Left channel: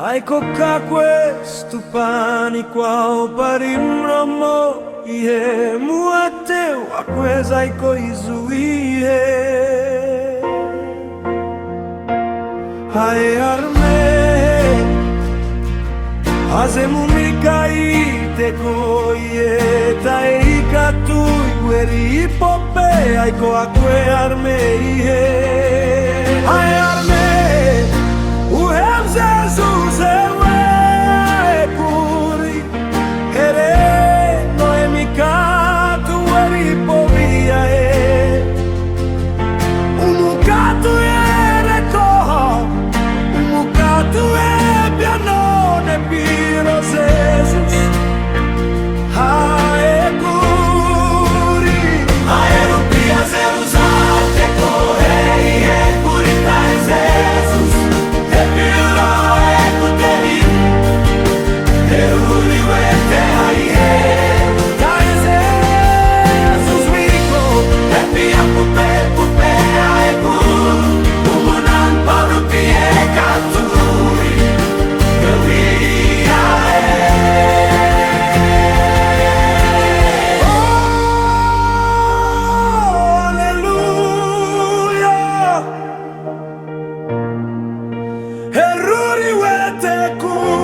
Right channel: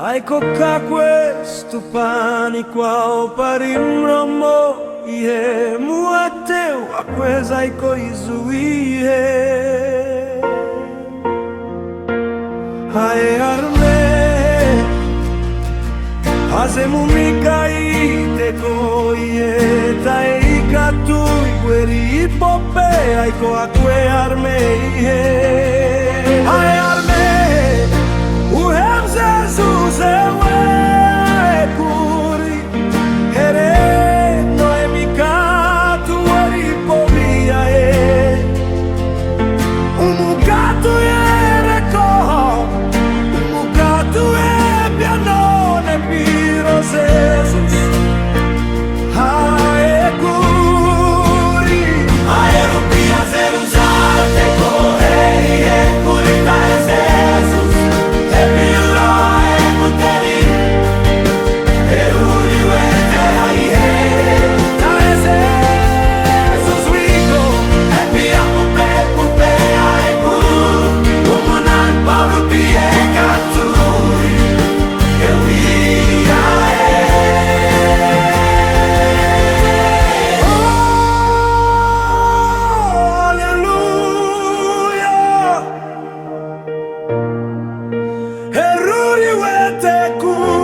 Ecco qua questo panico ao parimromo Ie muateu a coisa e coizuie Ai arme Azemu mikaite koie Tai katui gueri ipope Aiko akue arme ie Ai arme Uhem Jesus ewe kuri Here noemikatu eri povia e Umukatu ere koho Umukatu e pianone piro Jesus Hae kuri Hae rupia zeruzarte kohei e kurita e Jesus E piro e kuteri E uri uete ai he Ta e Jesus wiko E pia pupe a e kur Umunan parupi e katuri E uia Oh, alleluia Eruri wete kur